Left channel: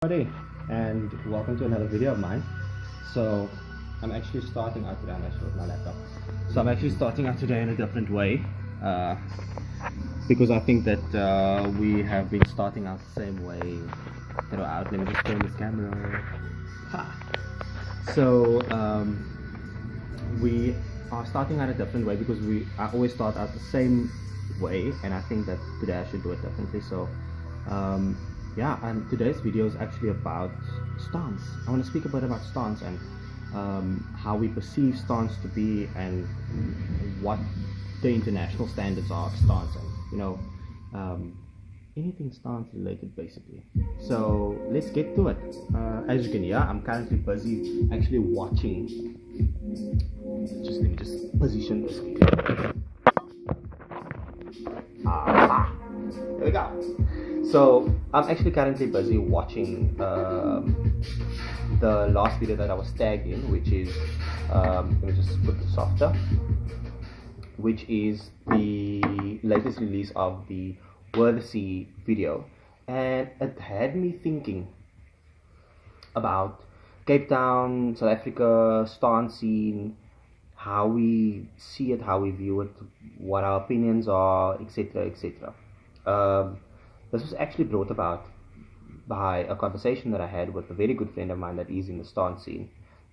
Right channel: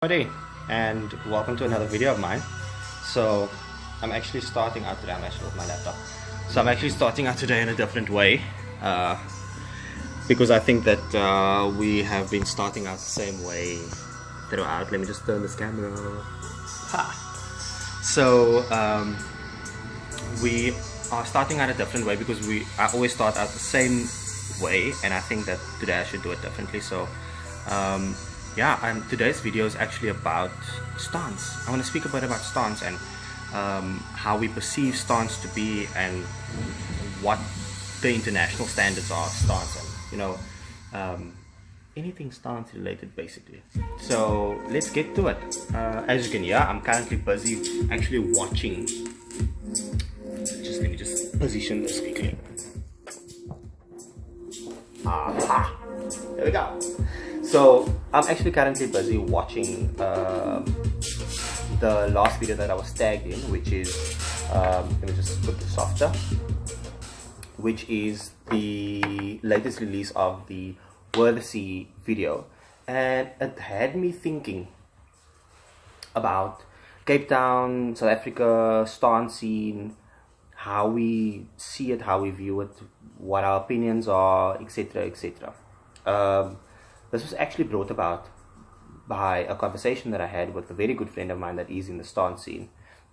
Howdy, and welcome to another video of mine. So I'm actually starting out today. I'm actually with my laptop. So I'm actually starting out today in a different way because I think that we have been starting out the same way throughout. Let me just turn this camera. Ha. So we are starting out a different way because I always start out the same way, and I think that today I should do it differently. So yeah, and today's video is actually about stance. I want to speak a bit about stance and how we perceive stance to be, and what the international standards are of stance, and anything stance related basically. So let's get to it. As you can hear, I'm currently busy actually watching. Let me just position this quickly. There we go. So I'm actually currently busy watching the last video that I was tagged in, which is let me just put this softer, which is the latest release of the Worthsea video, and it had me thinking about Cape Town, South Africa, stance scene, how we see it, how we view it, what our opinions are, etc., etc. This was actually brought about by a conversation that I had with a very good friend of mine that is in the stance scene,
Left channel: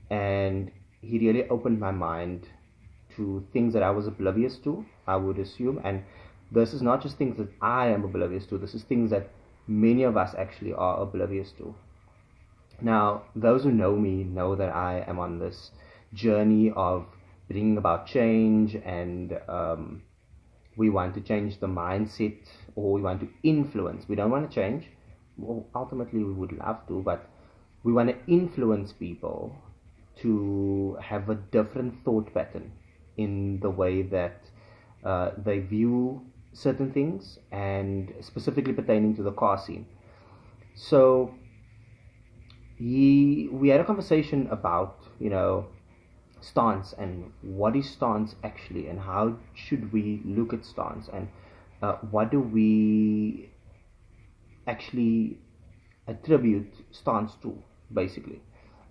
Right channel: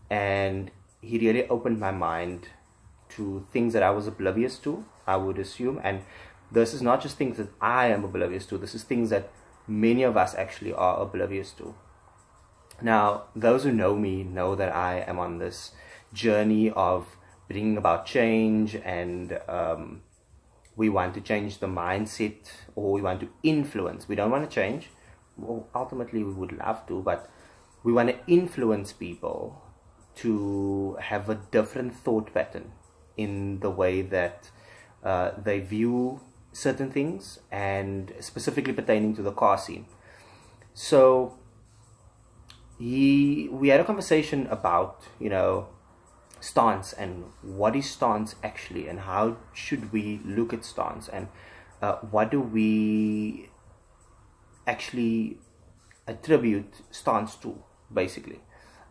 and he really opened my mind to things that I was oblivious to, I would assume. And this is not just things that I am oblivious to, this is things that many of us actually are oblivious to. Now, those who know me know that I am on this journey of bringing about change, and we want to change the mindset, or we want to influence. We don't want to change. Well, ultimately we would love to, but we want to influence people to have a different thought pattern in the way that they view certain things, and specifically pertaining to the car scene. So we had a conversation about, stance, and what is stance actually, and how should we look at stance, and what do we actually attribute stance to, basically.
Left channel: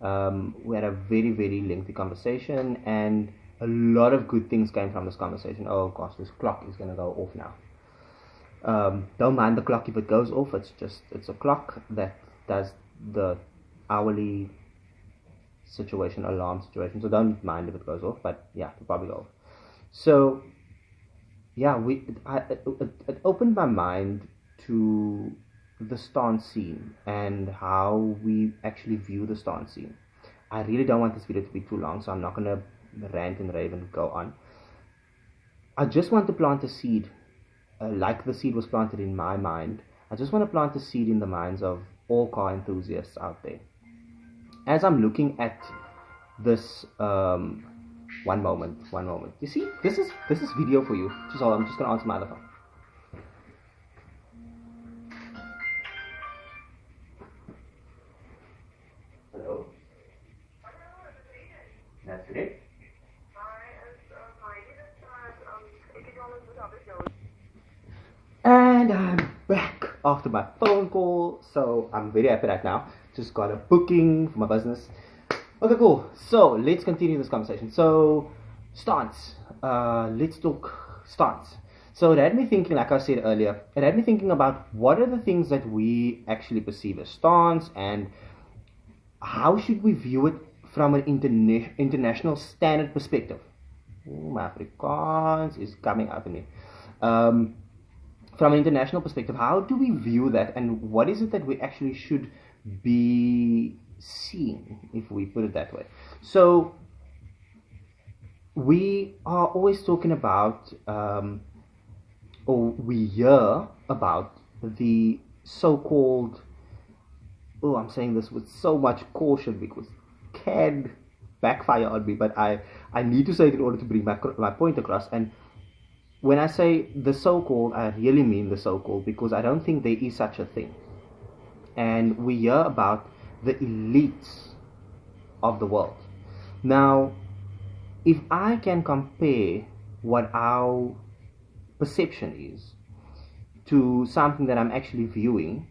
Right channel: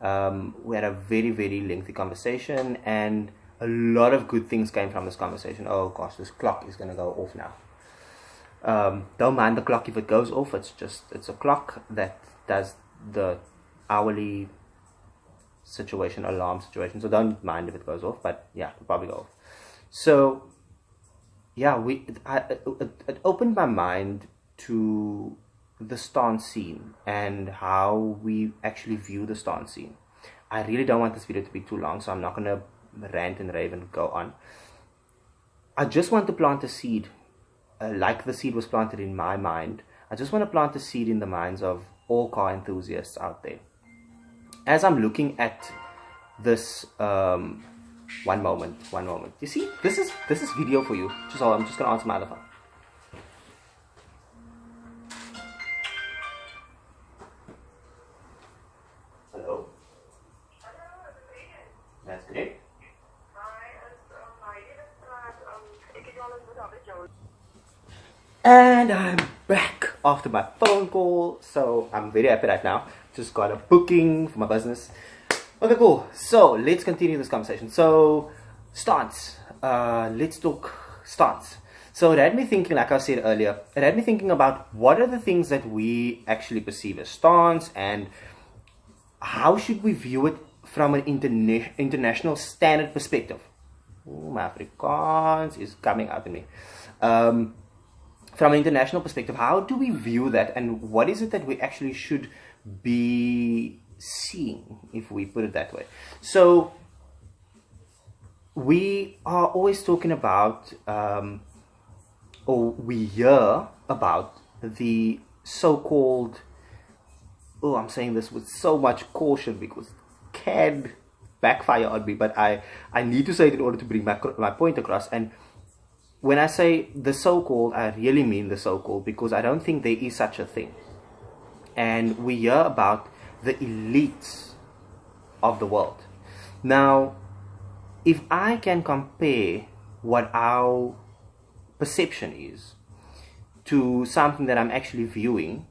We had a very, very lengthy conversation, and a lot of good things came from this conversation. Oh gosh, this clock is going to go off now. Don't mind the clock if it goes off. It's a clock that does the hourly situation, alarm situation, so don't mind if it goes off, but yeah, it'll probably go off. So yeah, it opened my mind to the stance scene and how we actually view the stance scene. I really don't want this video to be too long, so I'm not going to rant and rave and go on. I just want to plant a seed, like the seed was planted in my mind. I just want to plant a seed in the minds of all car enthusiasts out there. As I'm looking at this, one moment. You see, this is video for you. I'm just gonna answer my other phone. Hello. That's great. And I'm back after my phone call, so I'm very happy right now. Just got a booking for my business. Okay, cool. So let's continue this conversation. So stance. Let's talk stance. So it had me thinking, like I said earlier, it had me thinking about what are the things that we actually perceive as stance, and how should we view it from an international standard perspective. Ooh, my Afrikaans is coming out in me. From an international perspective, how do we view that, and what is it that we actually should be seeing, if we put it that way? So we are always talking about, or we hear about the so-called, I'm saying this with so much caution because it can backfire on me, but I need to say it in order to bring my point across. And when I say the so-called, I really mean the so-called, because I don't think there is such a thing. And we hear about the elites of the world. Now, if I can compare what our perception is to something that I'm actually viewing,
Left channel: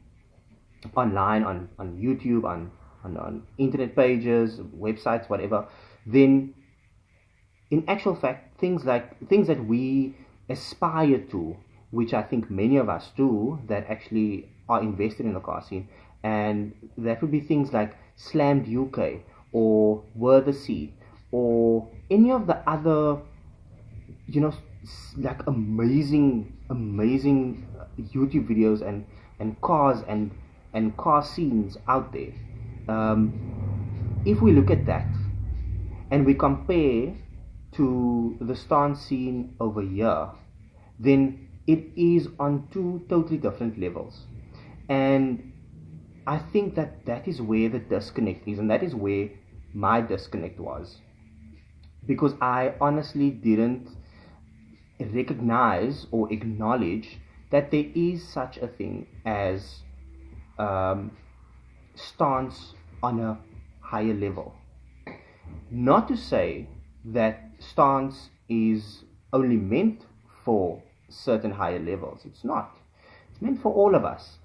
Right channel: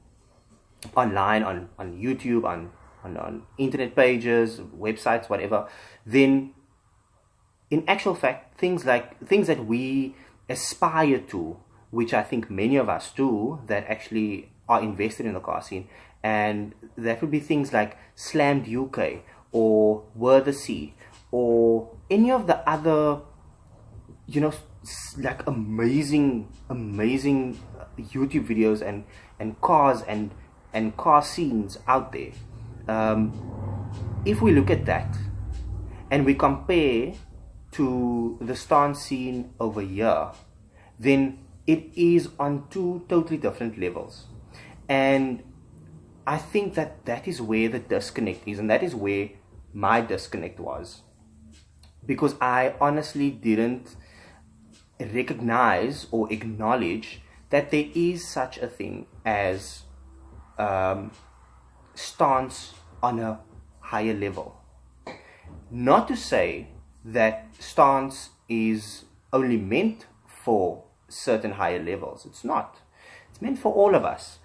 online, on YouTube, on internet pages, websites, whatever, then in actual fact, things that we aspire to, which I think many of us do, that actually are invested in the car scene, and that would be things like Slammed UK or Worth Sea or any of the other, like amazing YouTube videos and cars and car scenes out there. If we look at that and we compare to the stance scene over here, then it is on two totally different levels. And I think that is where the disconnect is, and that is where my disconnect was, because I honestly didn't recognize or acknowledge that there is such a thing as stance on a higher level. Not to say that stance is only meant for certain higher levels. It's not. It's meant for all of us.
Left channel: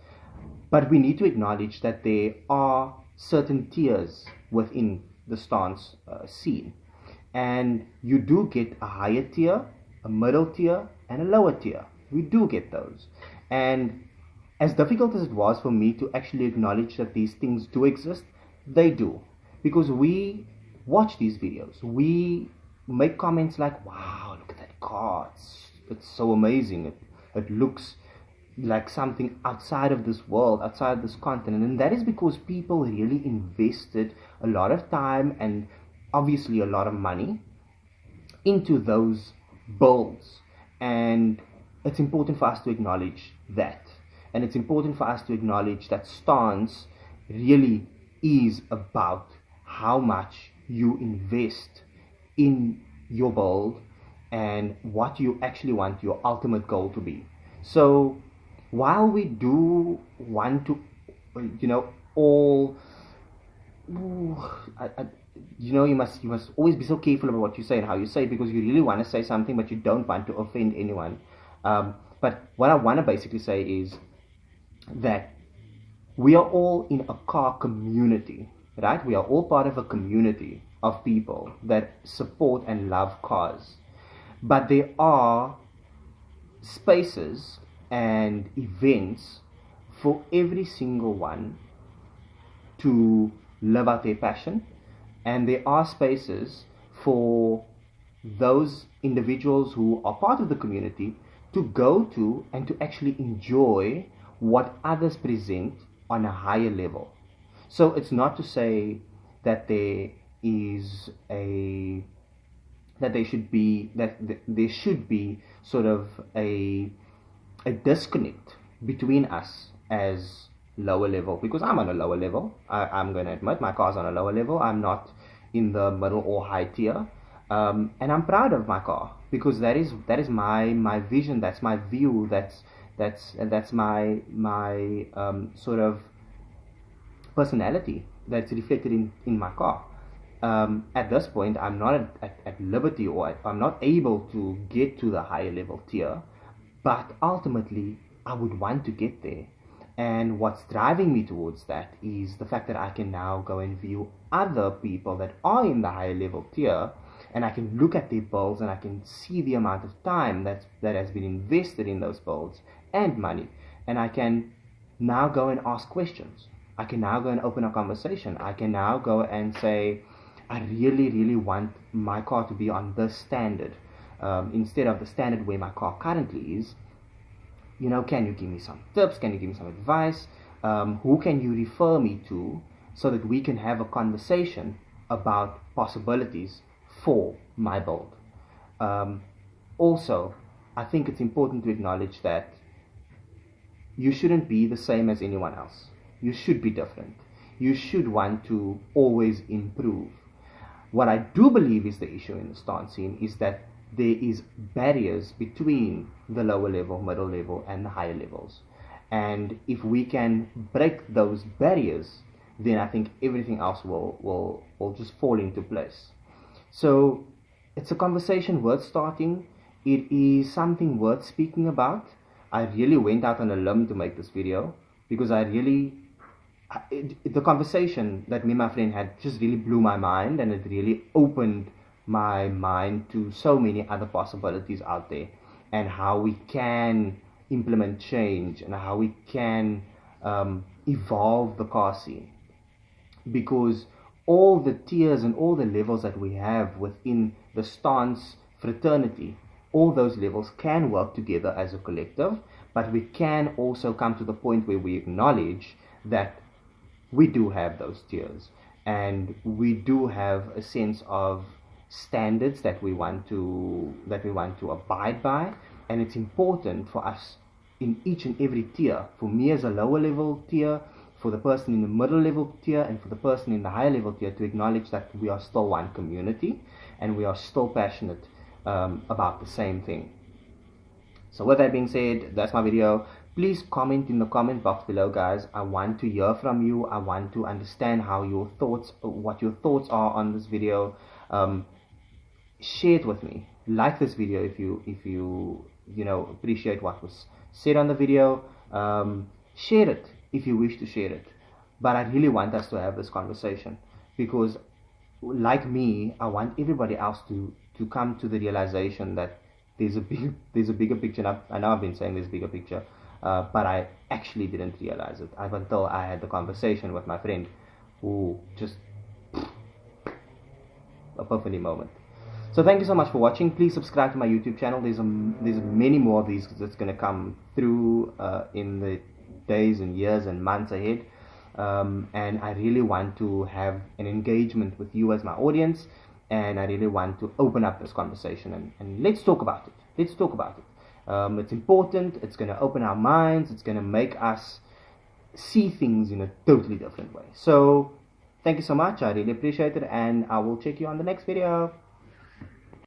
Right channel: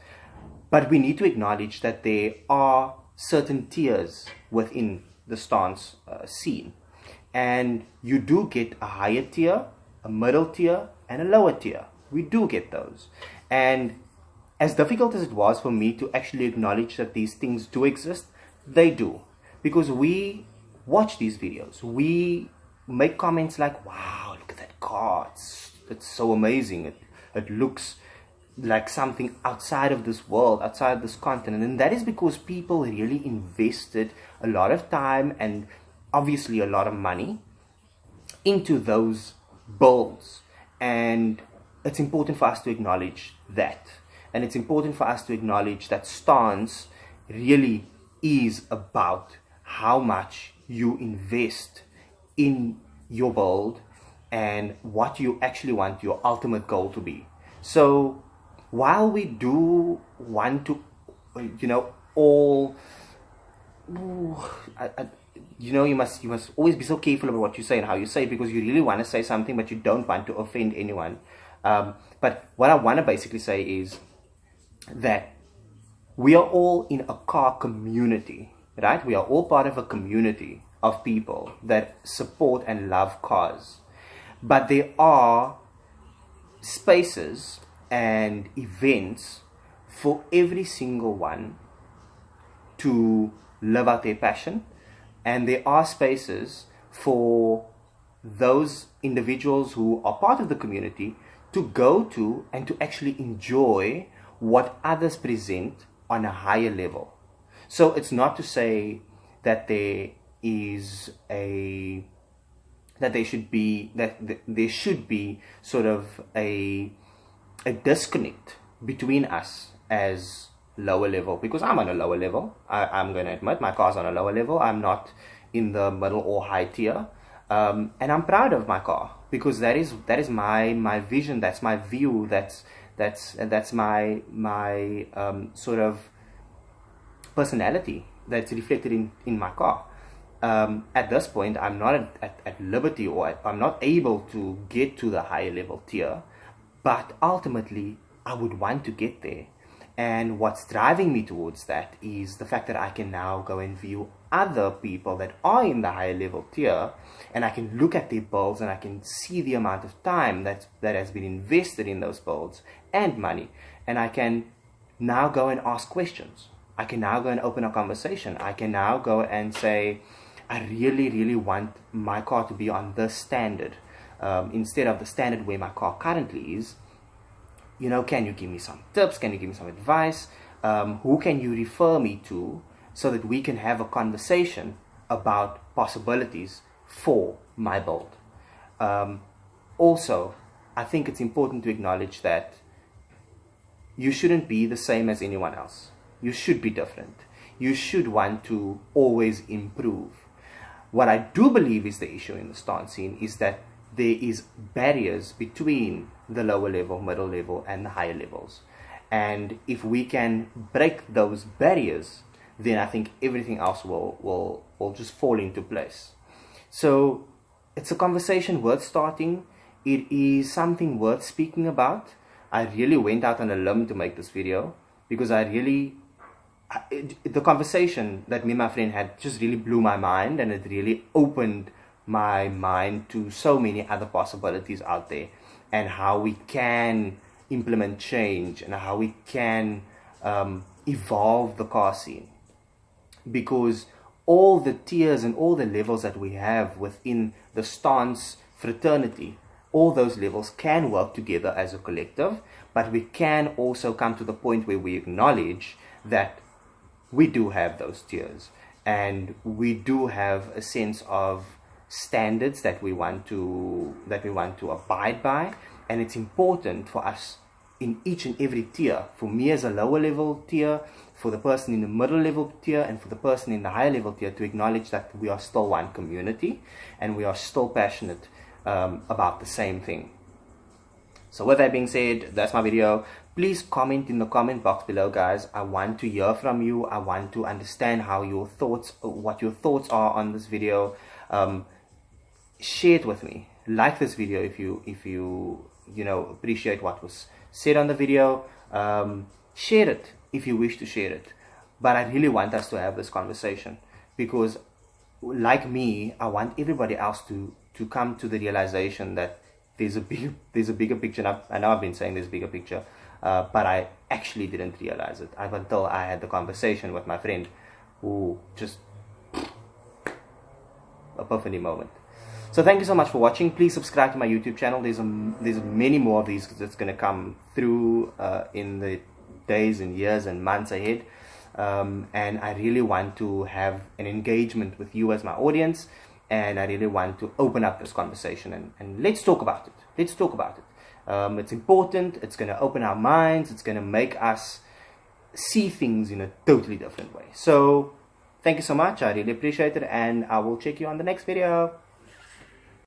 But we need to acknowledge that there are certain tiers within the stance scene. And you do get a higher tier, a middle tier, and a lower tier. We do get those. And as difficult as it was for me to actually acknowledge that these things do exist, they do. Because we watch these videos. We make comments like, wow, look at that car. It's so amazing. It looks like something outside of this world, outside of this continent. And that is because people really invested a lot of time and obviously a lot of money into those builds. And it's important for us to acknowledge that. And it's important for us to acknowledge that stance really is about how much you invest in your build and what you actually want your ultimate goal to be. So while we do want to, all, you must always be so careful about what you say and how you say it, because you really want to say something, but you don't want to offend anyone. But what I want to basically say is that we are all in a car community, right? We are all part of a community of people that support and love cars. But there are spaces and events for every single one to live out their passion, and there are spaces for those individuals who are part of the community to go to and to actually enjoy what others present on a higher level. So it's not to say that there should be sort of a disconnect between us as lower level, because I'm on a lower level. I'm going to admit my car's on a lower level. I'm not in the middle or high tier, and I'm proud of my car, because that is my vision. That's my view. That's my sort of personality that's reflected in my car. At this point, I'm not at liberty, or I'm not able to get to the higher level tier, but ultimately I would want to get there. And what's driving me towards that is the fact that I can now go and view other people that are in the higher level tier, and I can look at their builds and I can see the amount of time that has been invested in those builds and money. And I can now go and ask questions. I can now go and open a conversation. I can now go and say, I really, really want my car to be on this standard, instead of the standard where my car currently is. Can you give me some tips? Can you give me some advice? Who can you refer me to so that we can have a conversation about possibilities for my build? Also, I think it's important to acknowledge that you shouldn't be the same as anyone else. You should be different. You should want to always improve. What I do believe is the issue in the stance scene is that there is barriers between the lower level, middle level, and the higher levels. And if we can break those barriers, then I think everything else will just fall into place. So it's a conversation worth starting. It is something worth speaking about. I really went out on a limb to make this video, because I really the conversation that me and my friend had just really blew my mind, and it really opened my mind to so many other possibilities out there, and how we can implement change, and how we can evolve the car scene. Because all the tiers and all the levels that we have within the stance fraternity, all those levels can work together as a collective, but we can also come to the point where we acknowledge that we do have those tiers, and we do have a sense of standards that we want to abide by. And it's important for us in each and every tier, for me as a lower level tier, for the person in the middle level tier, and for the person in the higher level tier, to acknowledge that we are still one community, and we are still passionate about the same thing. So with that being said, that's my video. Please comment in the comment box below, guys. I want to hear from you. I want to understand what your thoughts are on this video. Share it with me. Like this video if you appreciate what was said on the video. Share it if you wish to share it. But I really want us to have this conversation, because like me, I want everybody else to come to the realization that there's a bigger picture. I know I've been saying there's a bigger picture, but I actually didn't realize it until I had the conversation with my friend, who just epiphany moment. So thank you so much for watching. Please subscribe to my YouTube channel. There's many more of these that's going to come through in the days and years and months ahead. And I really want to have an engagement with you as my audience, and I really want to open up this conversation, and let's talk about it. Let's talk about it. It's important. It's going to open our minds. It's going to make us see things in a totally different way. So thank you so much. I really appreciate it, and I will check you on the next video.